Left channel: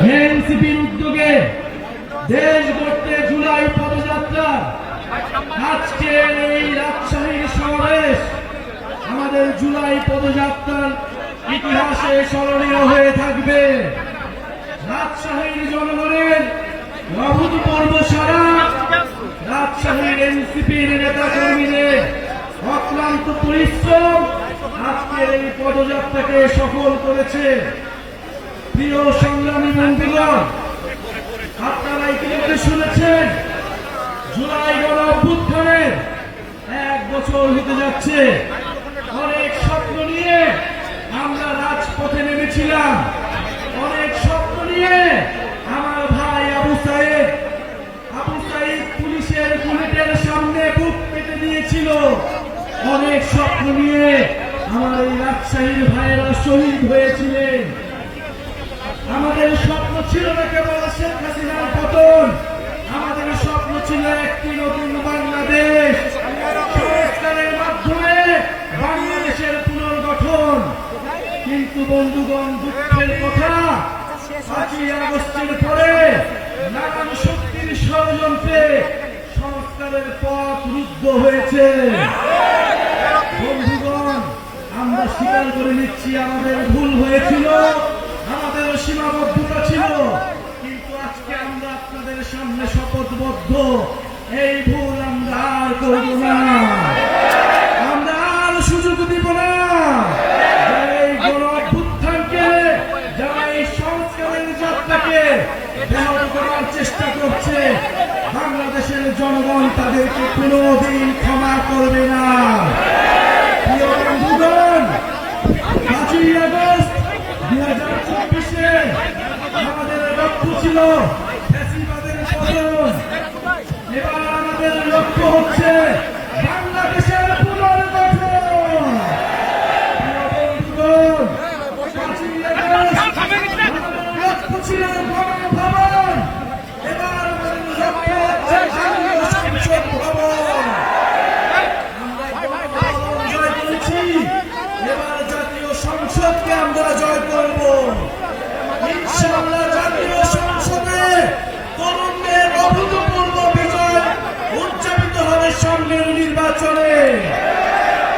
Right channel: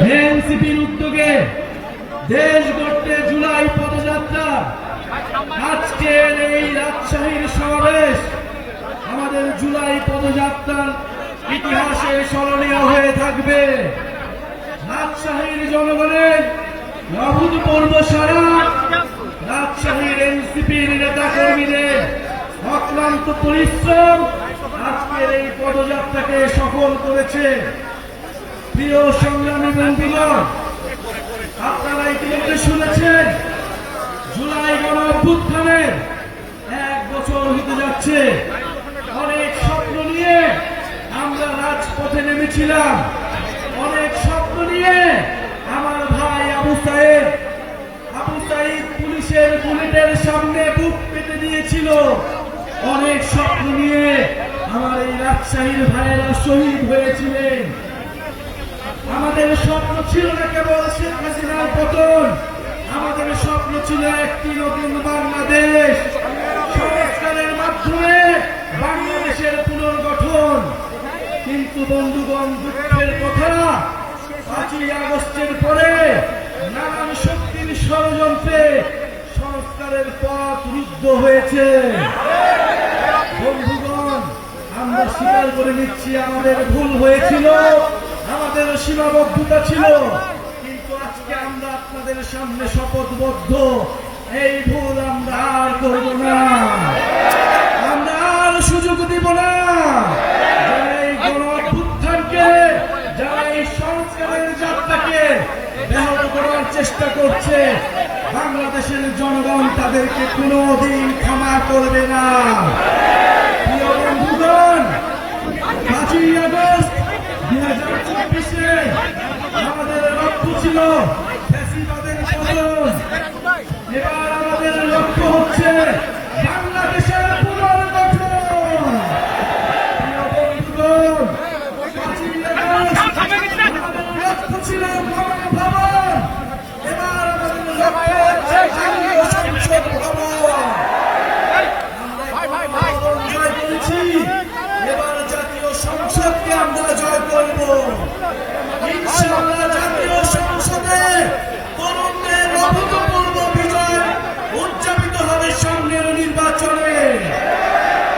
এনসিপির উদ্যোগে দেশ গড়তে জুলাই পদযাত্রা, আজকের এই রাজশাহীর সমাবেশ আমাদের জুলাই পদযাত্রার ইতিহাসে স্মরণীয় হয়ে থাকবে। রাজশাহীর জনগণের অভূতপূর্ব সাড়া, রাজশাহীর এনসিপির নেতা কর্মীদের অক্লান্ত পরিশ্রম আজকের এই পদযাত্রাকে সফল করেছে। প্রিয় সংগ্রামী বন্ধুগণ, আপনারা ইতিমধ্যে শুনেছেন জুলাই গণঅভ্যুত্থানের 1 বছর হতে যাচ্ছে। অনেক স্বপ্ন নিয়ে আমরা রাজপথে নেমেছিলাম, অনেক স্বপ্ন নিয়ে আমার ভাই আবু সাইদ পুলিশের বুলেটের সামনে বুক পেতে দিয়েছিল, অনেক স্বপ্ন নিয়ে আমার এই রাজশাহীর ভাইয়েরা শহীদ হয়েছিলেন। আমাদের স্বপ্ন ছিল না কেবল শেখ হাসিনার পতন, আমাদের স্বপ্ন ছিল একটি নতুন বাংলাদেশ, সংস্কারের মাধ্যমে বাংলাদেশের পুনর্গঠন। কিন্তু বন্ধুগণ, দুঃখের কথা, 5ই আগস্টের পরে নানান শক্তির ষড়যন্ত্রে সংস্কারের পথ রুদ্ধ হয়েছে। বন্ধুগণ, আমরা স্বীকার করে নিচ্ছি আমাদের ভুল হয়েছিল, আমাদের সীমাবদ্ধতা ছিল, কিন্তু আজকে আমরা আপনাদের সামনে শপথবদ্ধ, এই ভুল আমরা আর করব না, আমরা আর সুযোগ দিব না। এই গণঅভ্যুত্থানকে, যারা এই সংস্কারের যাত্রাকে ব্যাহত করার চেষ্টা করছে, বাংলাদেশের জনগণ তাদেরকে কোনোদিন ক্ষমা করবে না। প্রিয় বন্ধুগণ, 5ই আগস্ট 2024-এ আমাদের লক্ষ্য ছিল ফ্যাসিবাদের পতন, এবার আমাদের লক্ষ্য হচ্ছে বাংলাদেশের পুনর্গঠন। প্রিয় বন্ধুগণ, 5ই আগস্ট আমাদের লক্ষ্য ছিল গণভবন, এবার আমাদের লক্ষ্য হচ্ছে জাতীয় সংসদ ভবন। আমরা জয় করেছি, এবার জাতীয় সংসদকে আমরা জয় করব। ইনশাআল্লাহ জাতীয় সংসদে তরুণদের অভূতপূর্ব বিজয় উদযাপিত হবে সামনের নির্বাচনে।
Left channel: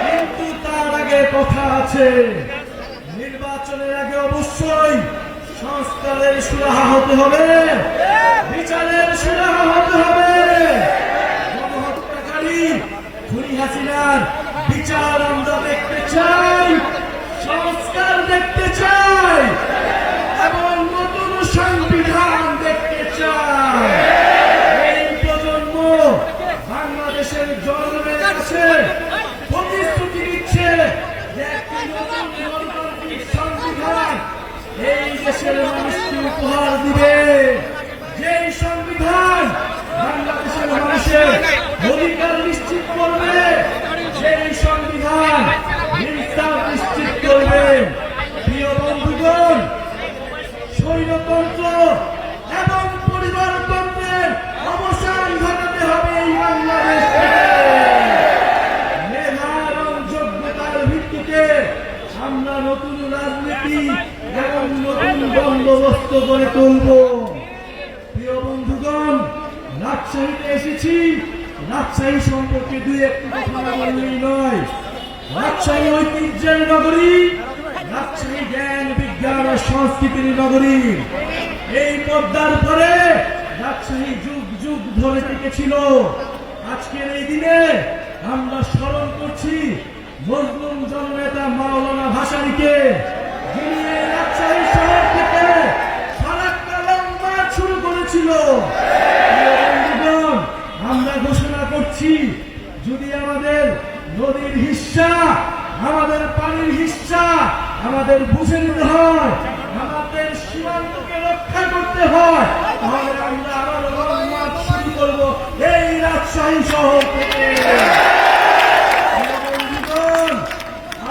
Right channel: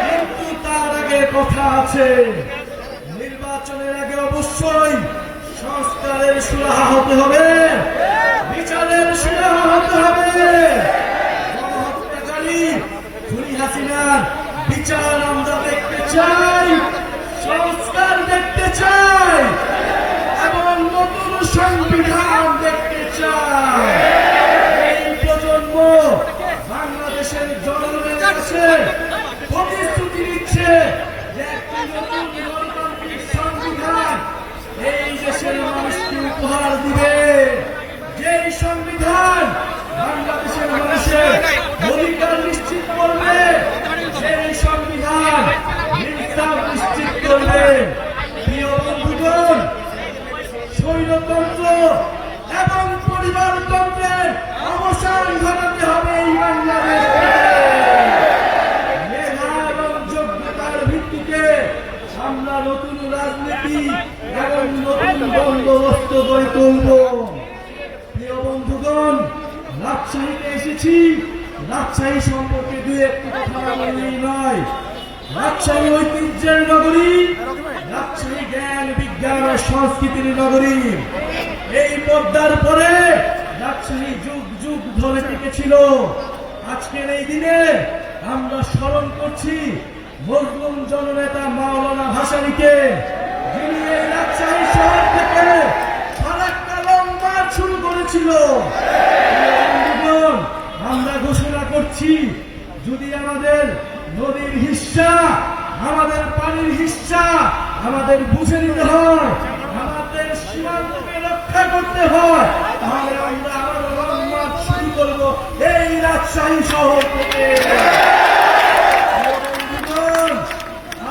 কিন্তু তার আগে কথা আছে, নির্বাচনের আগে অবশ্যই সংস্কারের সুরাহা হতে হবে, বিচারের সুরাহা হতে হবে। গণহত্যাকারী খুনি হাসিনার বিচার আমরা দেখতে চাই, সংস্কার দেখতে চাই এবং নতুন সংবিধান দেখতে চাই। এই প্রজন্ম বাংলাদেশের জনগণের কাছে প্রতিশ্রুতি দিচ্ছে যে একটি নতুন গণতান্ত্রিক সংবিধান এই দেশের মানুষকে উপহার দিবে, যে সংবিধান বাংলাদেশের মানুষের অধিকার নিশ্চিত করবে, সেই সংবিধান ইনসাফ নিশ্চিত করবে। প্রিয় বন্ধুগণ, স্বৈরতন্ত্র এবং পরিবারতন্ত্রের অবসান ঘটাতে হবে এই বাংলাদেশ থেকে। মেধা এবং যোগ্যতার ভিত্তিতে আমরা নতুন রাজনীতি এবং নতুন বন্দোবস্ত গড়ে তুলব। প্রিয় বন্ধুগণ, রাজশাহীতে এসেছি, রাজশাহী সম্পর্কে দু একটি কথা বললেই নয়। রাজশাহী ঐতিহ্যের নগরী, রাজশাহী জ্ঞান বিজ্ঞান ও সংস্কৃতির নগরী। এই পদ্মার পরে রাজশাহী যুগ যুগ ধরে টিকেছিল। আজকের এই দিনে আমরা স্মরণ করছি মজলুম জননেতা মাওলানা ভাসানীকে, যিনি এই রাজশাহী শহর থেকে ফারাক্কা লং মার্চ শুরু করেছিল। আমরা ঘোষণা করছি, যদি আমাদের নদীর হিস্সা, আমাদের পানির হিস্সা আমাদের বুঝে নিতে হয়, আমাদের সীমান্তকে রক্ষা করতে হয়, তাহলে আমরা আবার লং মার্চ শুরু করব এই রাজশাহী শহর থেকে।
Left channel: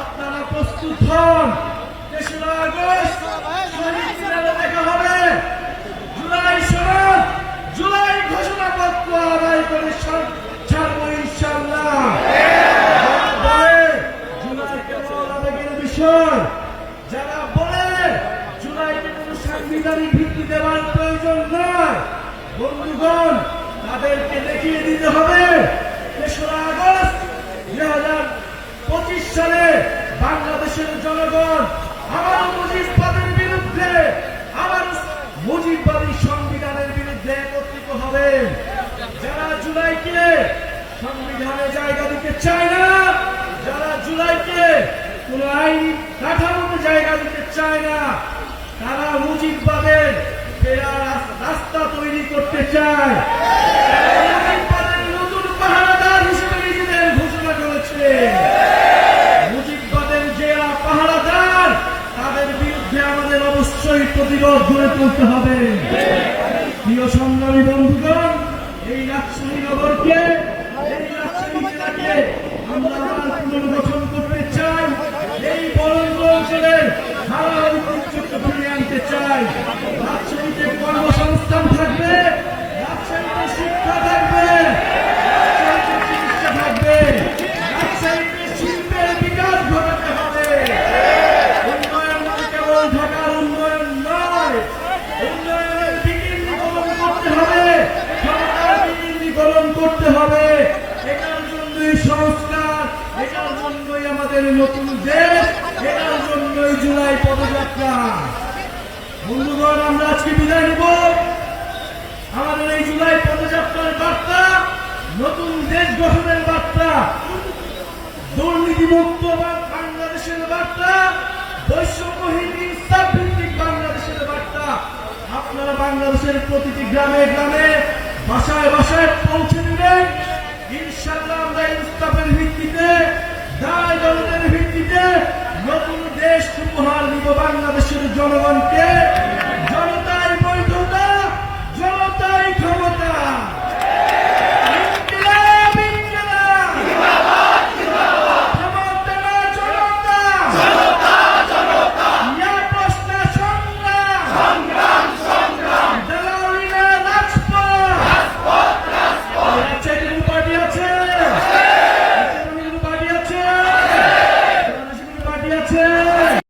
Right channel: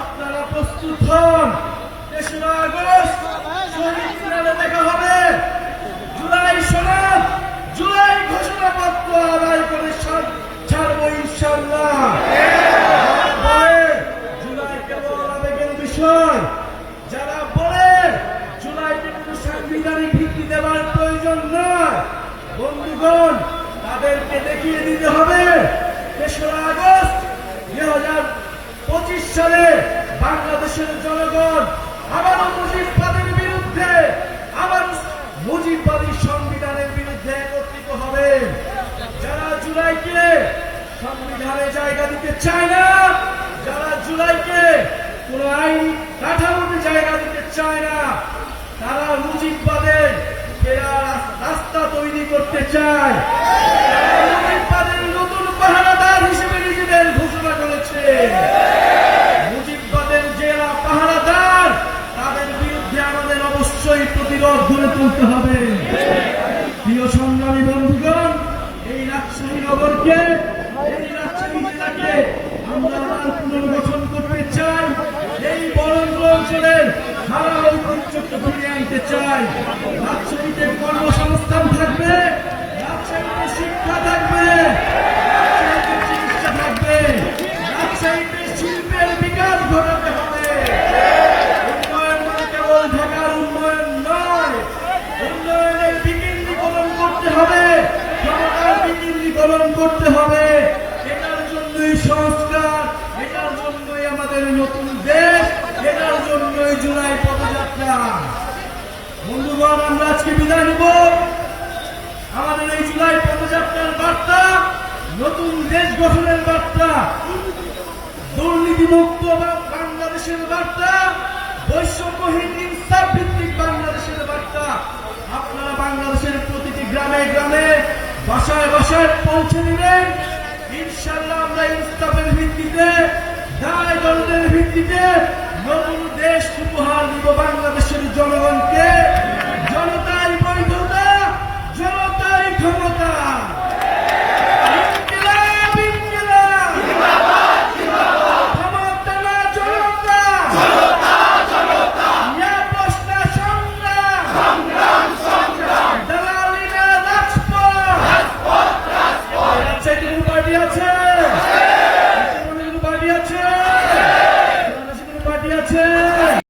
আপনারা প্রস্তুত হন, 3রা আগস্ট শহীদ মিনারে দেখা হবে। জুলাই সনদ, জুলাই ঘোষণাপত্র আদায় করে ছাড়বো ইনশাআল্লাহ। জুলাই কেবল আবেগের বিষয়, যারা বলে জুলাইকে কোনো সাংবিধানিক স্বীকৃতি দেওয়ার প্রয়োজন নয়। বন্ধুগণ, তাদেরকে দেখিয়ে দিতে হবে ৩রা আগস্ট ২০২৫ সালে বাংলাদেশের জনগণ আবার মুজিববাদের বিরুদ্ধে, আবার মুজিববাদী সংবিধানের বিরুদ্ধে একত্রিত হবে। যারা জুলাইকে সংবিধানে জায়গা দিতে চায় না, যারা জুলাইকে কোন আইন কাঠামোতে জায়গা দিতে চায় না, তারা মুজিববাদের রাস্তা তৈরি করতে চায়। মুজিববাদের নতুন পাহারাদার হিসেবে নিজেদের ঘোষণা করেছে। মুজিববাদের যারা পাহারাদার, তাদের বিরুদ্ধে আমাদের অবশ্যই প্রতিরোধ গড়ে তুলতে হবে। প্রিয় সংগ্রামী বন্ধুগণ, এই রাজশাহী নগরকে, এই রাজশাহী জেলাকে আমরা আবার পুনর্গঠন করতে চাই। এই বরেন্দ্র অঞ্চলের হারা ঐতিহ্যকে ফিরিয়ে আনতে চাই। রাজশাহীতে কর্মসংস্থান থাকবে, রাজশাহীতে শিক্ষা থাকবে, রাজশাহীতে চিকিৎসা থাকবে, রাজশাহীতে শিল্পের বিকাশ ঘটাতে হবে। উন্নয়ন মানে কেবল ঢাকার উন্নয়ন নয়, উন্নয়নের বিকেন্দ্রীকরণ করতে হবে, সরকার বিকেন্দ্রীকরণ করতে হবে। এটার জন্যই সংস্কার, এটার জন্যই আমাদের নতুন দেশ, এটার জন্যই জুলাই পদযাত্রা। বন্ধুগণ, আমরা আজকে বিদায় নিব। আমাদের এই জুলাই পদযাত্রার বার্তা নতুন দেশ গঠনের বার্তা, দুর্নীতিমুক্ত বাংলাদেশের বার্তা, বৈষম্যহীন ইনসাফ ভিত্তিক বাংলাদেশের বার্তা। আপনারা বাংলাদেশের প্রতিটি গ্রামে গ্রামে, বাসায় বাসায় পৌঁছে দিবেন। ইনশাআল্লাহ আমরা ইনসাফের ভিত্তিতে, দায় দলের ভিত্তিতে নতুন দেশ উপহার দিব বাংলাদেশের জনগণকে। জনতার বৈধতা, জনতার ক্ষমতা। ইনকিলাব, ইনকিলাব। জনতা, জনতা। ইয়া প্রশ্ন সংগ্রাম। দালালি নয়, রাজপথ। রাজশাহী পার্টি আছে।